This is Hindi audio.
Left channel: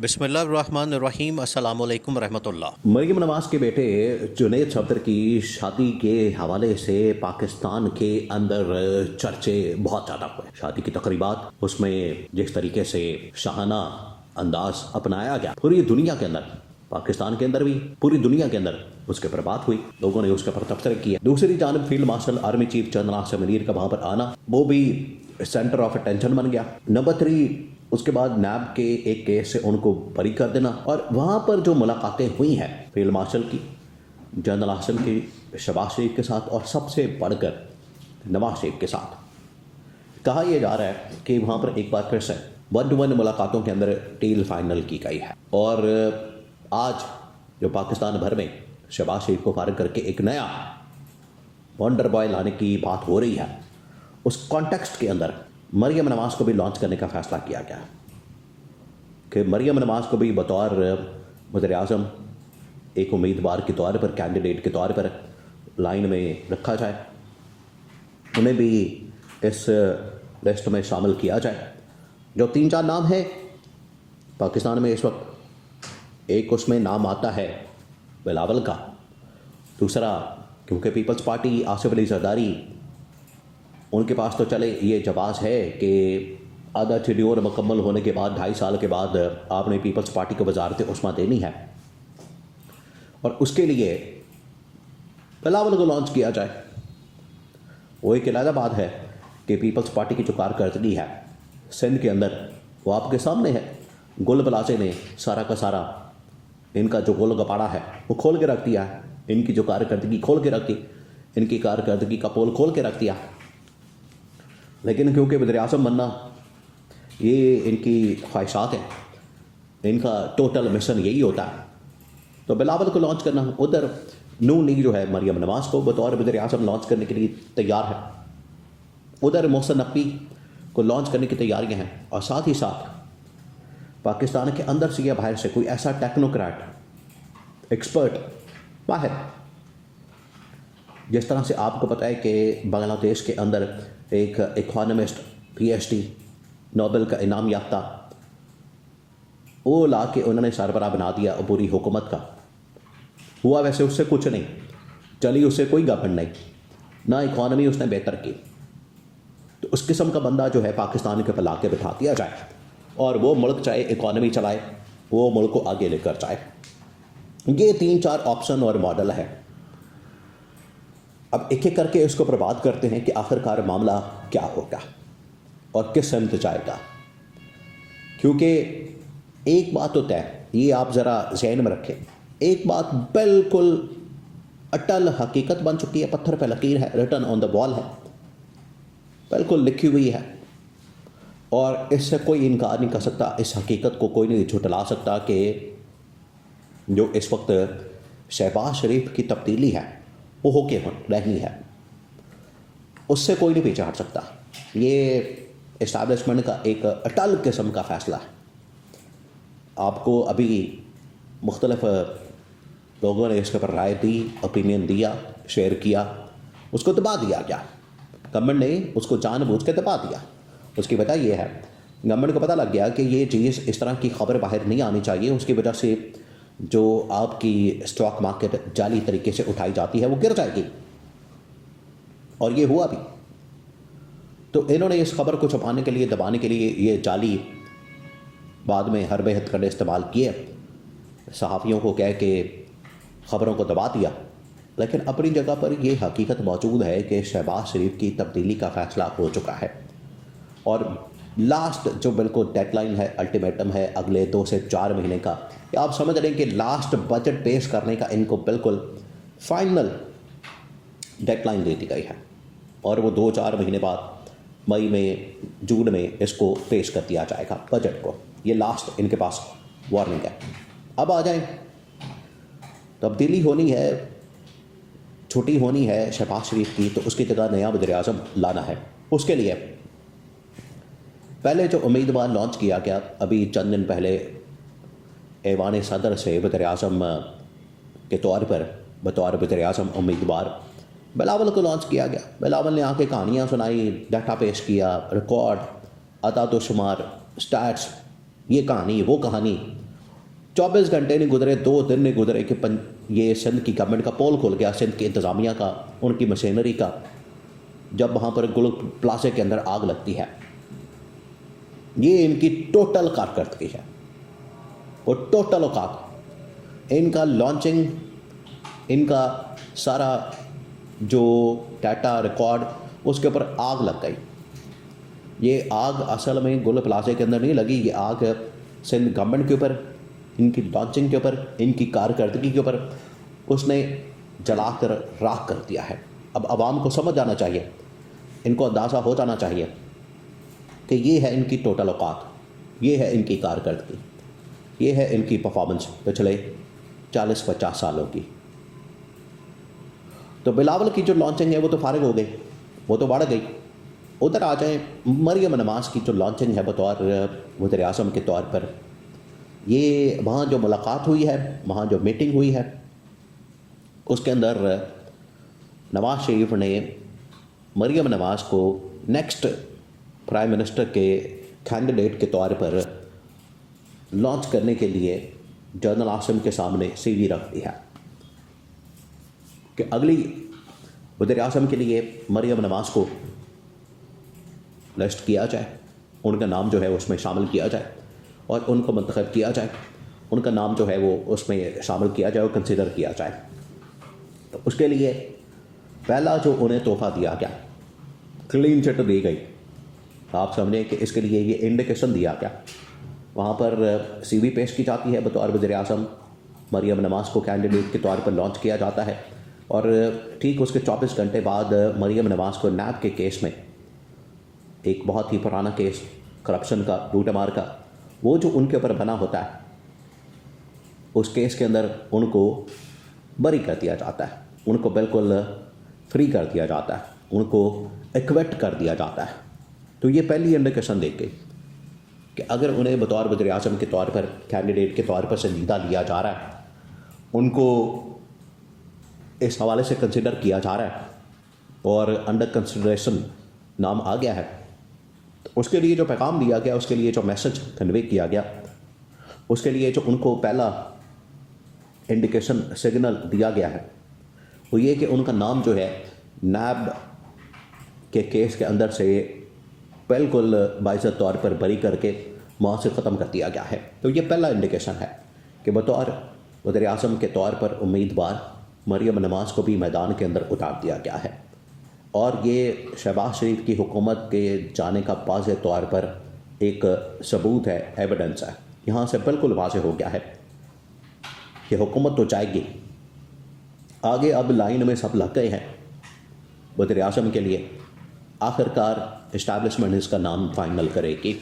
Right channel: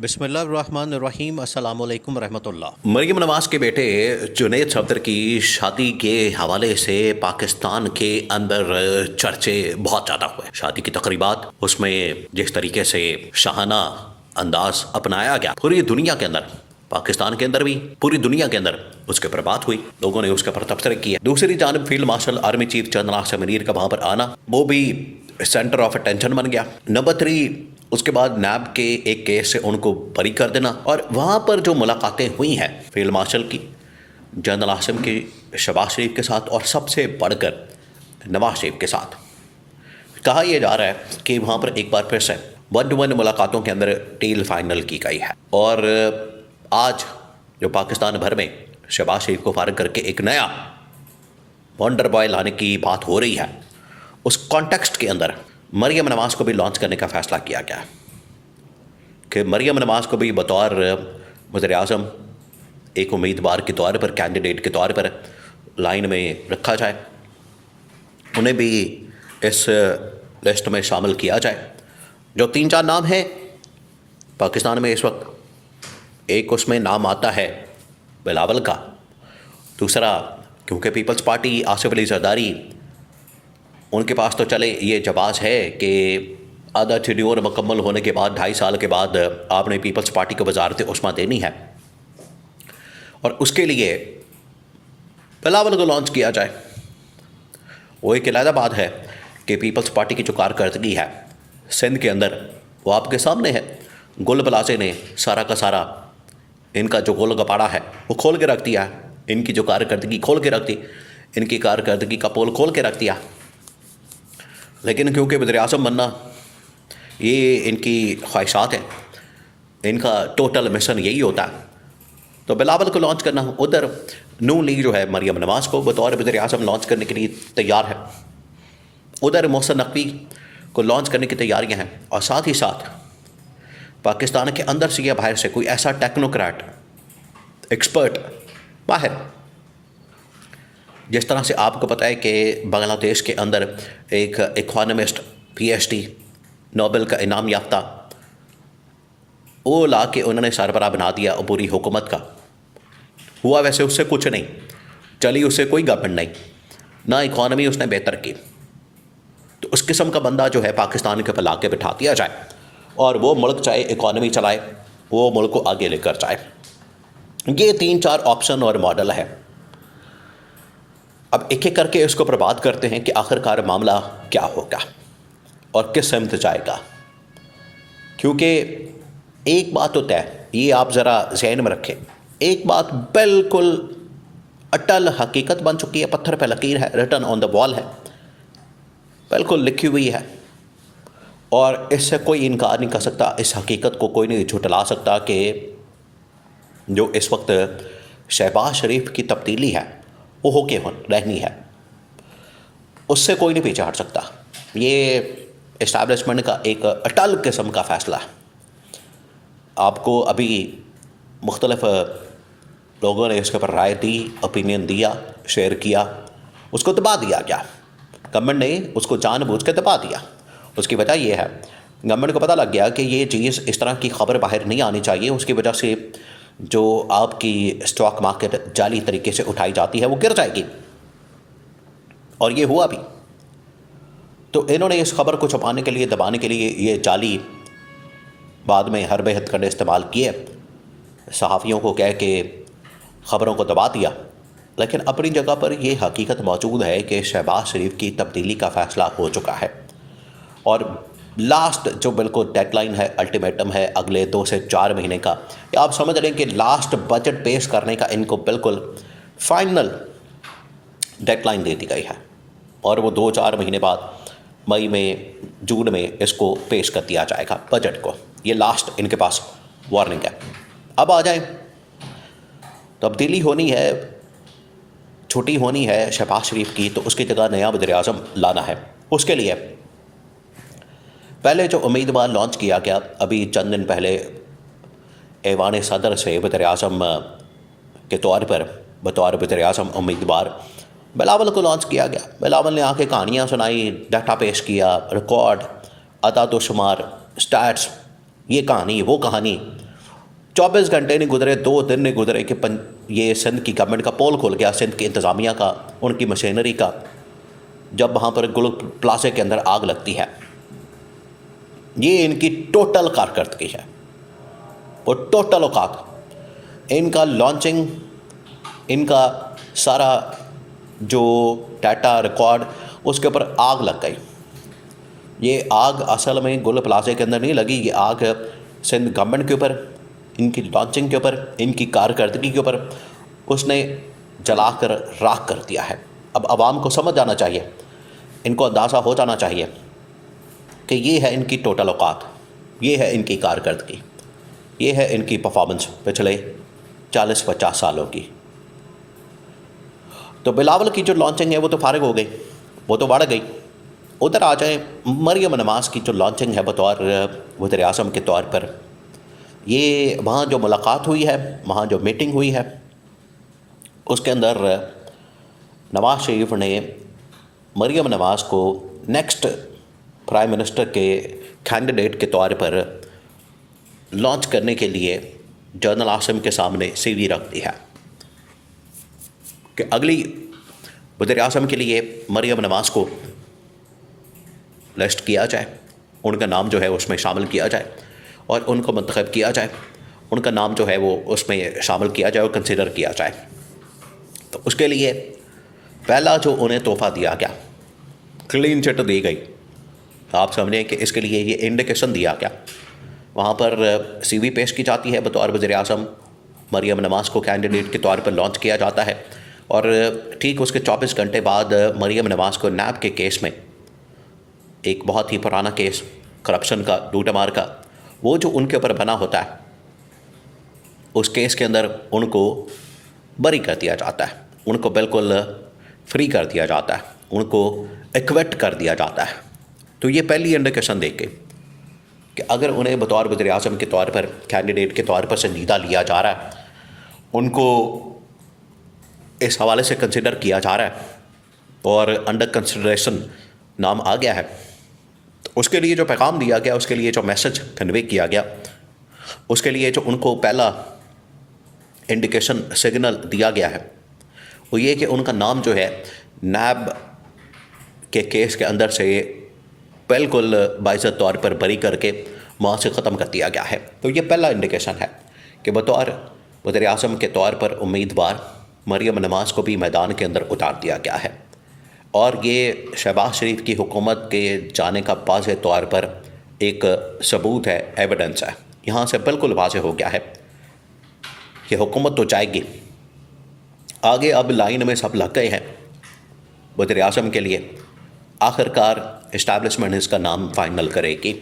बिस्मिल्लाहिर्रहमानिर्रहीम अस्सलामु अलैकुम रहमतुल्लाह। मरियम नवाज के बेटे जुनैद सफदर की शादी के हवाले से पाकिस्तान के अंदर चर्चे बहुत ज़्यादा हुए। शादी की तकरीबात उसमें जिस तरीके से शाहाना अंदाज अपनाया गया, पूरी दुनिया के अंदर, पाकिस्तान के अंदर भी, पूरी दुनिया के अंदर उसके ऊपर बात हुई, लोगों ने उसके ऊपर तबसरे किया। दूसरी जानब field marshal army chief general Asim Munir का वहाँ पर आना, वो भी सेंटर ऑफ अटेंशन बन गया। नंबर 3, उसके बाद नैब के एक केस से उनको बरी कर देना, और वहाँ पर जो मुलाकातें हुई हैं फील्ड मार्शल की, जनरल आसिम की, शहबाज शरीफ के साथ, और सबसे बढ़कर नवाज शरीफ के साथ, कहा यह जा रहा है कि वहाँ पर एक बार फिर से 1-to-1 मुलाकातों के अंदर डील फाइनल की गई है। और आज जो पाकिस्तान भर में शहबाज शरीफ को फारिग करके एक नया वंडर बॉय लाने की बात हो रही है, उस कॉन्टेक्स्ट के अंदर मरियम नवाज को भी लॉन्च करने का फ़ैसला किया गया कि मरियम नवाज को भी बतौर वज़ीर-ए-आज़म एक उम्मीदवार के तौर पर, कैंडिडेट के तौर पर लाइन में रखा जाए, उन्हें भी इस लिस्ट में शामिल किया जाए। जो 3-4 नाम हैं पाकिस्तान में इस वक्त, एक उसमें नाम आता है बिलावल का, दूसरा क्योंकि पीपल्स पार्टी आसिफ अली जरदारी, उनके पास तो चले ये जवाब है कि आधा टेन्योर मुकम्मल होने के बाद 2.5 साल के बाद आपने पीपल्स पार्टी को वज़ारत उस्मा देनी है, और उसके लिए बिलावल को लॉन्च किया जाए। वो एक अलग बात है कि पीपल्स पार्टी की जो कारकर्दगी है सिंध के अंदर, वो आपके सामने है। गुल बलासे ने सारा का सारा इनका जो गोल गपाड़ा है वो खोल के रख दिया, इनकी जो कारकर्दगी खोल के रख दी, इनकी कारकर्दगी का पोल खोल के रख दिया। लेकिन क्योंकि वज़ीर-ए-आज़म बनना ये इनकी ख्वाहिशात है, इनका टोटल मिशन यही होता है, तो बिलावल को लॉन्च करना, उधर नून लीग जो है मरियम नवाज को बतौर वज़ीर-ए-आज़म लॉन्च करने के लिए तैयार है, उधर मोहसिन नकवी को लॉन्च करने की तैयारियां हैं, और साथ ही साथ पाकिस्तान के अंदर से या बाहर से कोई ऐसा टेक्नोक्रेट, एक्सपर्ट, माहिर, जिस तरह से आपको पता है कि बांग्लादेश के अंदर एक इकोनॉमिस्ट, PhD, नोबेल का इनाम याफ्ता, वो ला के उन्होंने सरबराह बना दिया पूरी हुकूमत का। हुआ वैसे उससे कुछ नहीं, चली उससे कोई गवर्नमेंट नहीं, ना इकॉनमी उसने बेहतर की। तो उस किस्म का बंदा जो है पाकिस्तान के ऊपर ला के बिठा दिया जाए, और वो मुल्क चाहे इकॉनमी चलाए, वो मुल्क को आगे लेकर जाए। ये 3-4 ऑप्शन और मॉडल है। अब एक एक करके इसको बर्बाद करते हैं कि आखिरकार मामला क्या होगा और किस समत जाएगा। क्योंकि एक बात होता है, ये आप ज़रा ज़हन में रखें, एक बात बिल्कुल अटल हकीकत बन चुकी है, पत्थर पे लकीर है, रिटन ऑन द वॉल है, बिल्कुल लिखी हुई है, और इससे कोई इनकार नहीं कर सकता, इस हकीकत को कोई नहीं झुटला सकता कि जो इस वक्त शहबाज शरीफ की तब्दीली है वो होके रहनी है, उससे कोई नहीं पीछे हट सकता। ये इस्टेब्लिशमेंट का एक अटल किस्म का फ़ैसला है। आपको अभी मुख्तलिफ लोगों ने इसके ऊपर राय दी, ओपिनियन दिया, शेयर किया, उसको दबा दिया गया। गवर्नमेंट ने उसको जानबूझ के दबा दिया। उसकी वजह यह है, गवर्नमेंट को पता लग गया कि ये चीज़, इस तरह की खबर बाहर नहीं आनी चाहिए, उसकी वजह से जो आपकी स्टॉक मार्केट जाली तरीके से उठाई जाती है वो गिर जाएगी, और ये हुआ भी। तो इन्होंने इस खबर को छुपाने के लिए, दबाने के लिए ये जाली बाद में हर बेहद करने इस्तेमाल किए, सहाफ़ियों को कह के ख़बरों को दबा दिया। लेकिन अपनी जगह पर यह हकीकत मौजूद है कि शहबाज शरीफ की तब्दीली का फ़ैसला हो चुका है, और लास्ट जो बिल्कुल डेडलाइन है, अल्टीमेटम है अगले 2 से 4 महीने का, या आप समझ रहे हैं कि लास्ट बजट पेश करने का इनको बिल्कुल फाइनल डेडलाइन दे दी गई है, और वो 2-4 महीने बाद मई में, जून में इसको पेश कर दिया जाएगा बजट को। ये लास्ट इनके पास वार्निंग है। अब आ जाए, तब्दीली होनी है, छुट्टी होनी है शहबाज शरीफ की, तो उसकी जगह नया वज़ीर-ए-आज़म लाना है। उसके लिए पहले जो उम्मीदवार लॉन्च किया गया अभी चंद दिन पहले, ऐवान सदर से वज़ीर-ए-आज़म के तौर पर बतौर वज़ीर-ए-आज़म उम्मीदवार बिलावल को लॉन्च किया गया। बिलावल ने आके कहानियाँ सुनाई, डाटा पेश किया, रिकॉर्ड, अदाद शुमार, स्टैट्स, ये कहानी वो कहानी, 24 घंटे नहीं गुजरे, 2 दिन नहीं गुजरे कि ये सिंध की गवर्नमेंट का पोल खुल गया, सिंध की इंतज़ामिया का, उनकी मशीनरी का, जब वहाँ पर गुल प्लाजे के अंदर आग लगती है। ये इनकी टोटल कारकर्दगी है, वो टोटल औकात, इनका लॉन्चिंग, इनका सारा जो डाटा रिकॉर्ड, उसके ऊपर आग लग गई। ये आग असल में गुल प्लाजे के अंदर नहीं लगी, ये आग सिंध गवर्नमेंट के ऊपर, इनकी लॉन्चिंग के ऊपर, इनकी कारकर्दगी के ऊपर उसने जलाकर राख कर दिया है। अब आवाम को समझ जाना चाहिए, इनको अंदाज़ा हो जाना चाहिए कि ये है इनकी टोटल औकात, ये है इनकी कारकर्दगी, ये है इनकी परफॉर्मेंस पिछले 40-50 सालों की। तो बिलावल की जो लॉन्चिंग है वो तो फारिग हो गई, वो तो बढ़ गई। उधर आ जाए मरियम नवाज़ की जो लॉन्चिंग है बतौर वज़ीर आज़म के तौर पर, ये वहाँ जो मुलाकात हुई है, वहाँ जो मीटिंग हुई है, उसके अंदर नवाज़ शरीफ ने मरियम नवाज़ को नेक्स्ट प्राइम मिनिस्टर के कैंडिडेट के तौर पर लॉन्च करने के लिए जनरल आसिम के सामने सीवी रख दी है कि अगली वज़ीर आज़म के लिए मरियम नवाज़ को लिस्ट किया जाए, उनका नाम जो है उसमें शामिल किया जाए और उनको मुंतखब किया जाए, उनका नाम जो है वो उसमें शामिल किया जाए और कंसिडर किया जाए। तो उसके लिए पहला जो उन्हें तोहफ़ा दिया गया, क्लीन चिट दी गई। आप समझें कि इसके लिए ये इंडिकेशन दिया गया। वहाँ पर सीवी पेश की जाती है बतौर वज़ीर आज़म, मरियम नवाज़ को कैंडिडेट के तौर पर लॉन्च किया जाता है और ठीक उसके 24 घंटे बाद मरियम नवाज़ को नैब के केस में, एक बहुत ही पुराना केस करप्शन का, लूटमार का, वो जो उनके ऊपर बना होता है, उस केस के अंदर उनको बरी कर दिया जाता है, उनको बिल्कुल फ्री कर दिया जाता है, उनको एक्विट कर दिया जाता है। तो ये पहली इंडिकेशन देख के कि अगर उन्हें बतौर वज़ीर आज़म के तौर पर, कैंडिडेट के तौर पर संजीदा लिया जा रहा है, उनको इस हवाले से कंसिडर किया जा रहा है और अंडर कंसिडरेशन नाम आ गया है, तो उसके लिए जो पैगाम दिया गया, उसके लिए जो मैसेज कन्वे किया गया, उसके लिए जो उनको पहला इंडिकेशन सिग्नल दिया गया है, वो ये कि उनका नाम जो है नैब के केस के अंदर से बिल्कुल बाइज़्ज़त तौर पर बरी करके वहाँ से ख़त्म कर दिया गया है। तो ये पहला इंडिकेशन है कि बतौर वज़ीर आज़म के तौर पर उम्मीदवार मरियम नवाज़ को भी मैदान के अंदर उतार दिया गया है और ये शहबाज शरीफ की हुकूमत के जाने का वाज़ेह तौर पर एक सबूत है, एविडेंस है। यहाँ से बिल्कुल वाज़ेह हो गया है कि हुकूमत तो जाएगी आगे। अब लाइन में सब लग गए हैं वज़ीर आज़म के लिए, आखिरकार इस्टेब्लिशमेंट इसका नाम फाइनल करेगी।